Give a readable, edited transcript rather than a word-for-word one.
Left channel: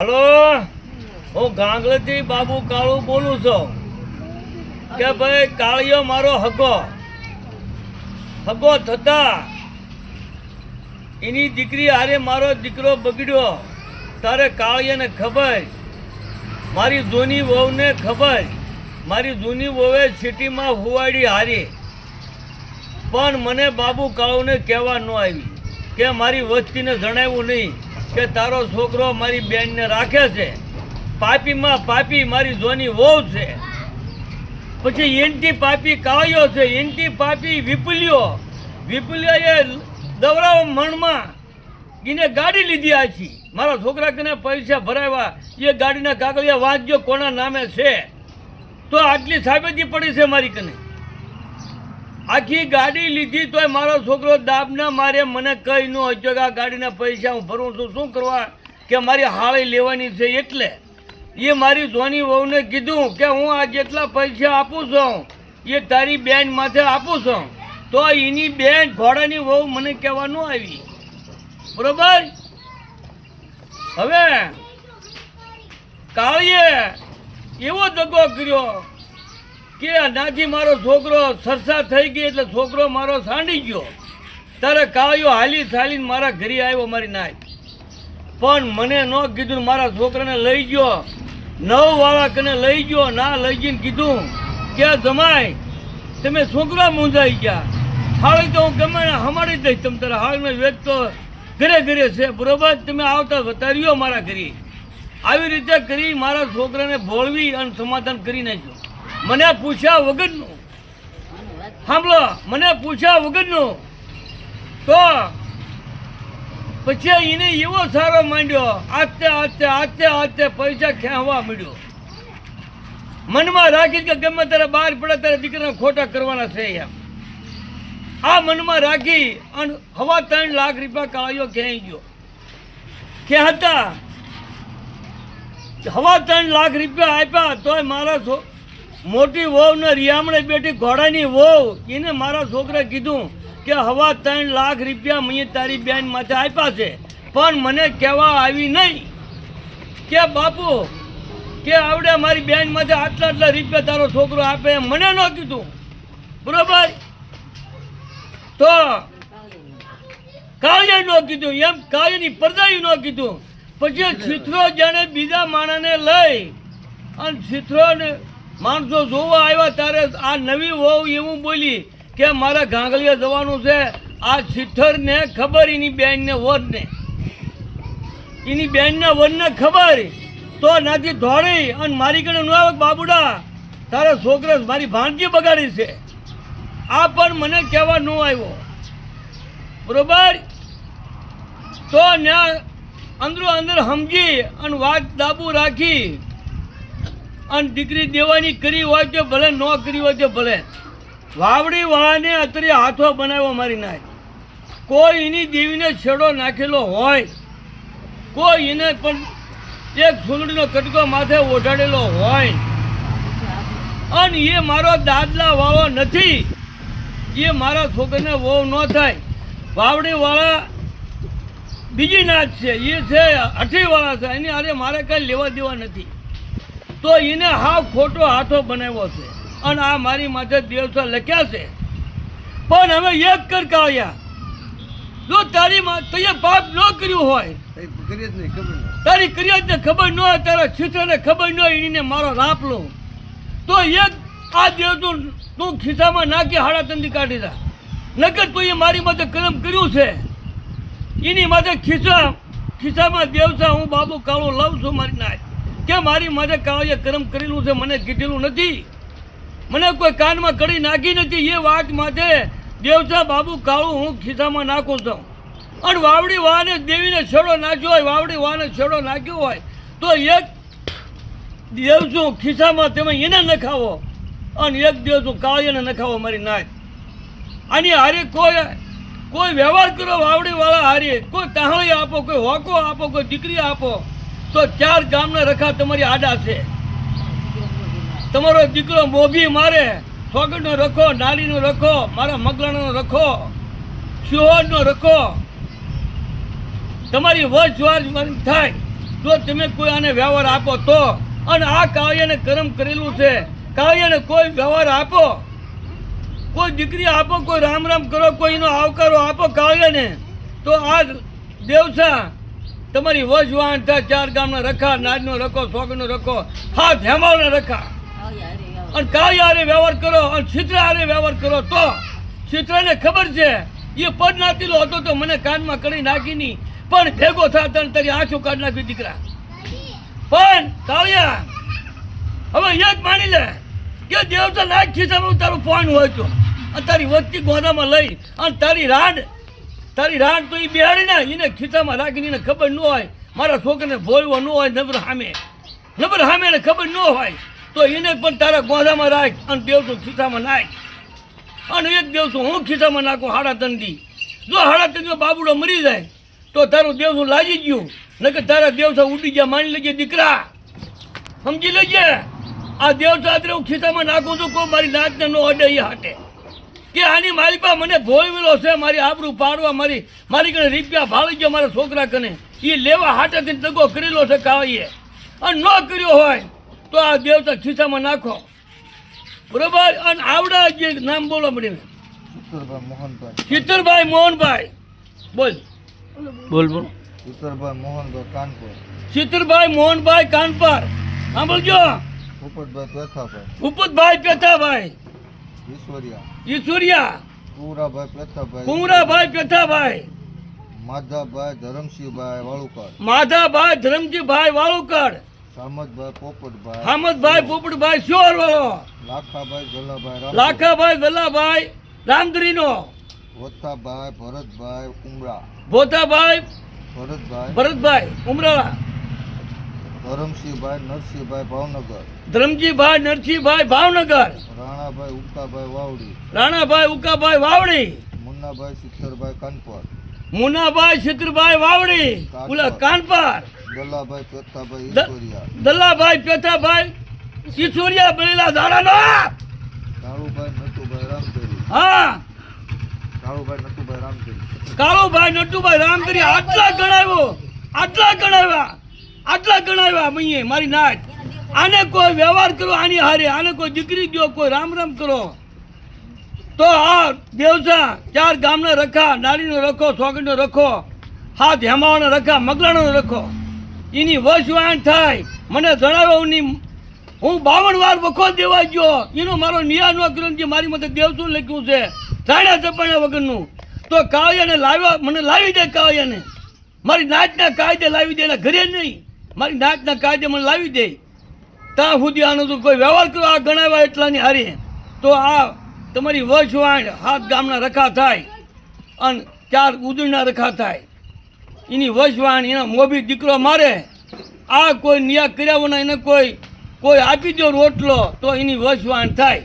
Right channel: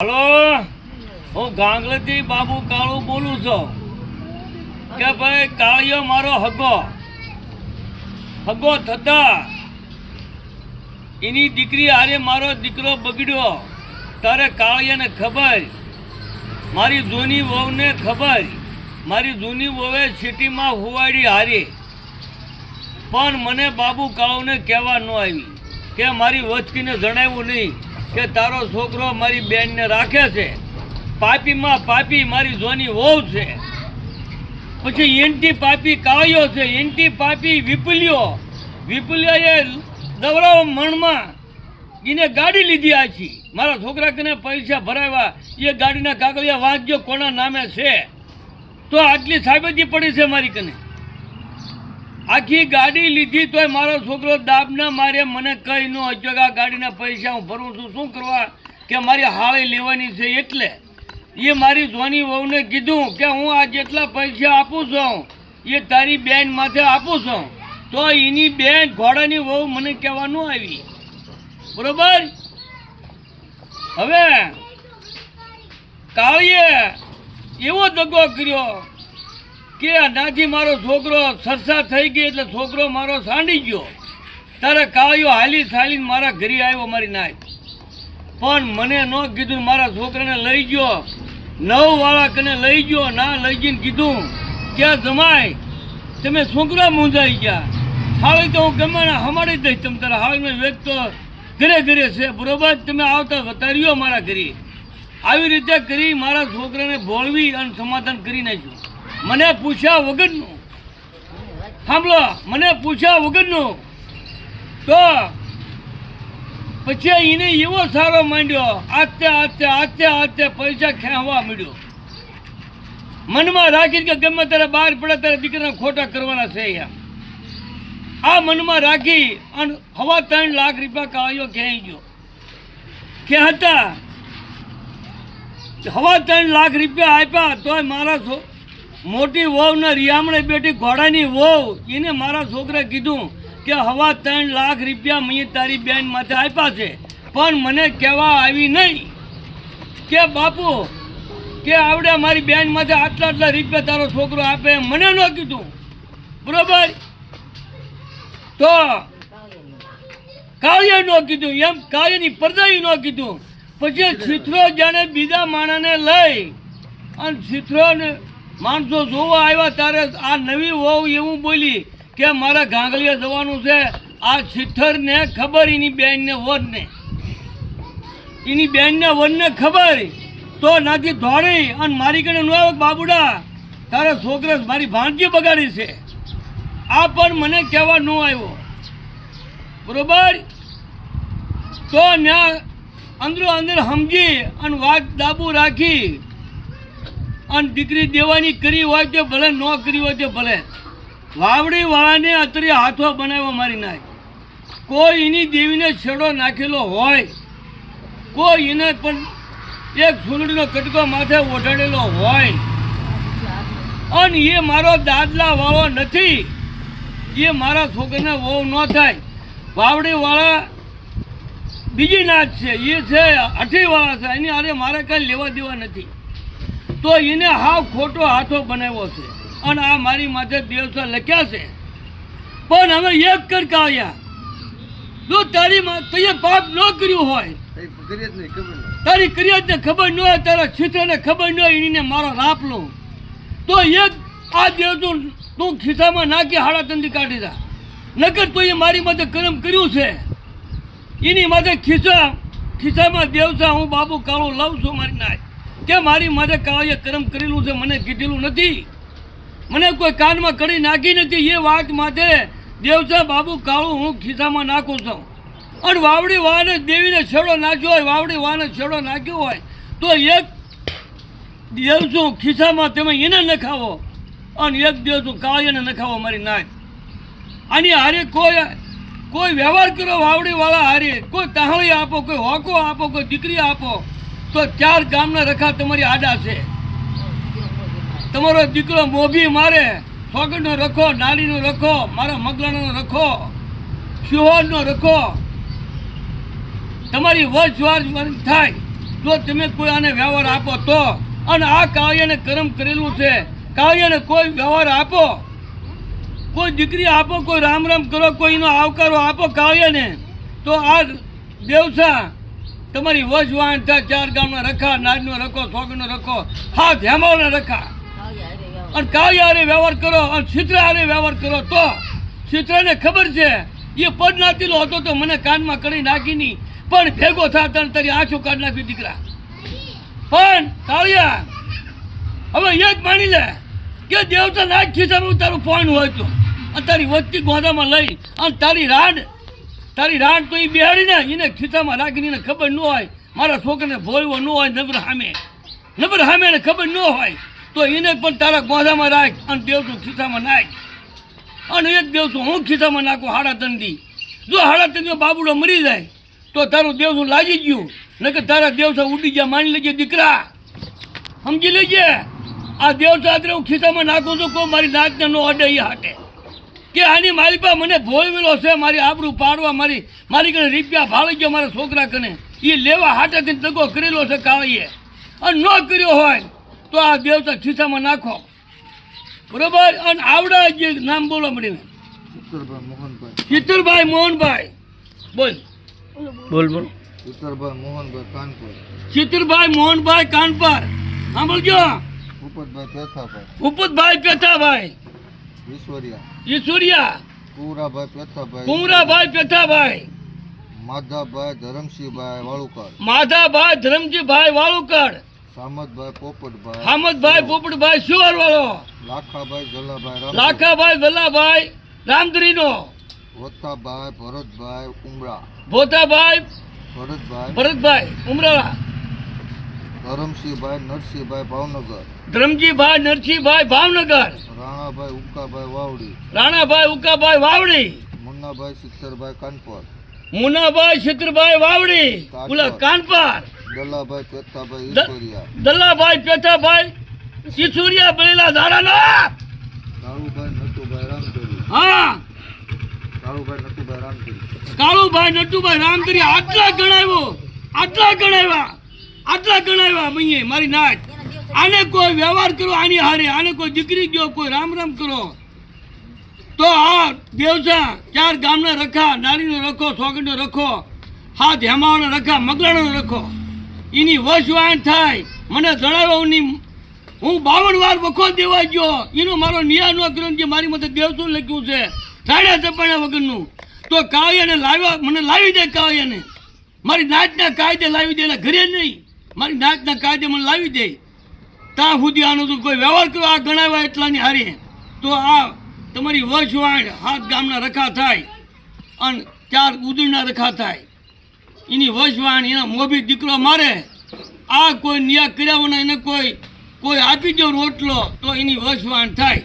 Hello, હું ગાંગલેથી બાબુ કાળુ બોલું છું કે ભાઈ કાળિયો મારો હગો થતા એની દીકરી હારે મારો દીકરો બગડ્યો. તારે કાળિયાને ખબર, મારી જૂની વહુને ખબર. મારી જૂની વહુએ સિટીમાં હુવાડી હારી, પણ મને બાબુ કાળુને કહેવા ન આવી કે મારી વસ્તીને જણાવ્યું નહીં કે તારો છોકરો મારી બેનને રાખે છે. પાપીમાં પાપી મારી જોની વહુ છે, પછી એન્ટી પાપી કાળિયો છે, એન્ટી પાપી વિપુલિયોએ દવરાવ મણમાં એને ગાડી લીધી આછી. મારા છોકરા કને પૈસા ભરાવ્યા, એ ગાડીના કાગળિયા વાંચજો કોના નામે છે તો આટલી સાબિતી પડી છે મારી કને. આખી ગાડી લીધી તોય મારો છોકરો દાબના મારે મને કહી ન હજો કે આ ગાડીના પૈસા હું ભરું છું. શું કરવા કે મારી હાળી લેવાની છે. એટલે એ મારી જોની વહુને કીધું કે હું આ જેટલા પૈસા આપું છું એ તારી બેન માથે આપું છું. તો એની બેન ઘોડાની વહુ મને કહેવાનું આવી, બરોબર. હવે કાળીએ એવો દગો કર્યો કે નાથી મારો છોકરો સરસા થઈ ગઈ એટલે છોકરો મારો સાંડી ગયો. તારે કાળિયો હાલી ચાલીને મારા ઘરે આવ્યો મારી નાય, પણ મને ન કીધું. મારા છોકરાને લઈ ગયો, 9 વાળા કને લઈ ગયો. ના લઈ જઈને કીધું કે જમાય તમે છોકરા મૂંઝાઈ ગયા, હાળી તો હું ગમે ને હમાડી દઈશ. તમે તારા હાળનો વેગ તો ઘરે ઘરે છે, બરોબર. તમે આવતા વતાર્યો મારા ઘરે. આવી રીતે કરી મારા છોકરાને ભોળવી અને સમાધાન કરી નાખ્યું. મને પૂછ્યા વગરનું, સાંભળો, મને પૂછ્યા વગરનું. તો પછી એને એવો સારો માંડ્યો, આતે પૈસા ખેંચવા માંડ્યો. મનમાં રાખી કે ગમે ત્યારે બહાર પડે ત્યારે દીકરાને ખોટા કરવાના છે એમ. આ મનમાં રાખી અને 3.25 લાખ રૂપિયા કાળિયો ખેંચી ગયો. ખેંચતા 3.25 લાખ રૂપિયા આપ્યા તોય મારા મોટી વહુ ને રિયામણે બેઠી ઘોડાની વહુ એને મારા છોકરે કીધું કે 3.25 લાખ રૂપિયા મેં તારી બેન માથે આપ્યા છે, પણ મને કહેવા આવી નહીં કે બાપુ કે આવડે મારી બેન માથે આટલા રૂપિયા તારો છોકરો આપે. મને ન કીધું, બરોબર. તો કાળિયા ન કીધું, એમ કાળિયાની પરદાઈ ન કીધું. પછી છીથરો જાણે બીજા માણસને લઈ અને છીથરોને માણસો જોવા આવ્યા ત્યારે આ નવી વહુ એવું બોલી કે મારા ગાંગલિયા જવાનું છે. આ છીથરને ખબર, એની બેનને વરને ખબર, તો નાથી દોડી અને મારી કને ન આવે બાબુડા તારા છોકરા મારી ભાણજી બગાડી છે. આ પણ મને કહેવા ન આવ્યો, બરોબર. તો ત્યાં અંદર સમજી અને વાત દાબુ રાખી અને દીકરી દેવાની કરી હોય તો ભલે, ન કરી હોય તો ભલે. વાવડી વાળાને અત્યારે હાથો બનાવ્યો મારી નાય. કોઈ એની દેવીને છેડો નાખેલો હોય, કોઈ એને પણ એક ફૂલડીનો કટકો માથે ઓઢાડેલો હોય, અને એ મારો દાદલા વાળો નથી. એ મારા છોકરાને વહુ ન થાય. વાવડી વાળા બીજી નાચ છે, એ છે 8 વાળા છે. એની હારે મારે કાંઈ લેવા દેવા નથી. તો એને હાવ ખોટો હાથો બનાવ્યો છે અને આ મારી માથે દેવતા લખ્યા છે. પણ હવે એક કર કાળિયા, જો તારી તે પાપ ન કર્યું હોય, તારી કરિયાતને ખબર ન હોય, તારા છીથરાને ખબર ન હોય, એને મારો રાપ લો તો એક આ દેવતું તું ખિસ્સામાં નાખી 3.5 કાઢી દા. નકર તું એ મારી માથે કર્મ કર્યું છે, એની માથે ખિસ્સામાં દેવતા હું બાબુ કાળું લઉં છું મારી નાય કે મારી માથે કાળીએ કર્મ કરેલું છે. મને કીધેલું નથી, મને કોઈ કાનમાં કડી નાખી નથી. એ વાત માથે દેવતા બાબુ કાળું હું ખિસ્સામાં નાખું છું. અને વાવડી વાને દેવીને છેડો નાખ્યો હોય, વાવડી વાને છેડો નાખ્યો હોય તો એક દેવશું ખિસ્સામાં તમે એને નખાવો અને એક દેવશું કાળીને નખાવો મારી નાય. આની હારે કોઈ વ્યવહાર કરો વાવડી વાળા હારે, કોઈ તાહળી આપો, કોઈ હોકો આપો, કોઈ દીકરી આપો તો 4 ગામના રખા તમારી આડા છે. તમારો દીકરો મોભી મારે, સોગંદનો રખો, નારીનો રખો, મારા મગલાણાનો રખો, શિહોરનો રખો, તમારી વચવાર થાય જો તમે કોઈ આને વ્યવહાર આપો તો, અને આ કાળિયાને કર્મ કરેલું છે, કાળિયાને કોઈ વ્યવહાર આપો, કોઈ દીકરી આપો, કોઈ રામ રામ કરો, કોઈનો આવકારો આપો કાળિયાને, તો આ દેવસા તમારી વજવાણ થાય. 4 ગામના રખા, નાજનો રખો, સોગનો રખો, હાથ હેમાળના રખા, અને કાળિયા હારે વ્યવહાર કરો, અને ચિત્ર હારે વ્યવહાર કરો તો ચિત્રને ખબર છે એ પદ નાતીલો હતો તો મને કાનમાં કરી નાખી નહીં, પણ ભેગો થતા તારી આંખો કાઢ નાખી દીકરા. પણ કાળિયા હવે એ જ માની લે કે દેવતા નાખ ખિસ્સામાં તારું ફોન હોય તો, અને તારી વસ્તી ગોદામાં લઈ અને તારી રાંડ તો એ બેહાડીને એને ખિસ્સામાં રાખીને એને ખબર ન હોય મારા છોકરાને ભોળવો ન હોય, નબર સામે એને ખબર ન હોય તો એને પણ તારા ગોદામાં રાખ અને દેવતું ખિસ્સામાં નાખ. અને એક દેવતું હું ખિસ્સામાં નાખું 3.5 દી. જો 3.5 દી બાબુડો મરી જાય તો તારું દેવતું લાગી ગયું, નકર તારા દેવતા ઉડી ગયા. માની લેજે દીકરા, સમજી લેજે. આ દેવતા આદરે હું ખિસ્સામાં નાખું છું, કોઈ મારી નાકને ન અડે એ હાટે કે આની મારી પાસે મને ભોળવેલો છે, મારી આબરૂ પાડવા, મારી કને રૂપિયા ભાળી ગયો મારા છોકરા કને, એ લેવા હાટે કઈ દગો કરેલો છે કાળીએ, અને ન કર્યો હોય તો આ દેવતા ખિસ્સામાં નાખો, બરોબર. અને આવડા જે નામ બોલો મને, ચિત્તરભાઈ મોહનભાઈ, બોલ. ચિત્તરભાઈ મોહનભાઈ કાનપુર. ચિત્તરભાઈ મોહનભાઈ કાનપર. સાંભળજો. ભૂપતભાઈ પેથાભાઈ. ઈશ્વરિયા. કુંવરાભાઈ પેથાભાઈ. માધાભાઈ ધરમસિંહભાઈ વાળુકર. ધરમજીભાઈ વાળુકર. હામદભાઈ પોપટભાઈ શિહોરવાળો. લાખાભાઈ જલાભાઈ રામદરીનો. ભોતાભાઈ ભરતભાઈ ઉમરાળા. ધરમસિંહભાઈ નરસિંહભાઈ ભાવનગર. ધરમજીભાઈ નરસિંહભાઈ ભાવનગર. રાણાભાઈ ઉકાભાઈ વાવડી. મુન્નાભાઈ સિત્તરભાઈ વાવડી. ઓલા કાનપર. દલાભાઈ પેથાભાઈ ઈશ્વરિયા બળેલા ધારાનો. હા, કાળુભાઈ નટુભાઈ રામદરી. આટલા ગણાવ્યા મૈયે મારી નાચ. આને કોઈ વ્યવહાર કરો આની હારે, આને કોઈ દીકરી દો, કોઈ રામ રામ કરો તો આ દેવસા 4 ગામના રખા, નારીનો રખો, સોગંડનો રખો, હાથ હેમાવાનો રખા, મગલાણો રખો, એની વશવાણ થાય. મને જણાવ્યો હું 52 વાર વખો દેવા ગયો, એનો મારો નિયા ન કર્યો. જે મારી મતે દેવતું લખ્યું છે સાડા ચપાણા વગરનું, તો કાળિયાને લાવ્યા, મને લાવી દે કાળિયાને, મારી નાચના કાયદે લાવી દે, એના ઘરે નહીં, મારી નાચના કાયદે મને લાવી દે. ત્યાં સુધી આનો તો કોઈ વ્યવહાર કરો આ ગણાવ્યા એટલાની હારી, તો આ તમારી વશવાણ 7 ગામના રખા થાય અને 4 ઉદળના રખા થાય. એની વશવાણ એના મોભી દીકરો મારે, આ કોઈ નિયા કર્યા વિના એને કોઈ આપી દો રોટલો તો એની વશવાણ થાય.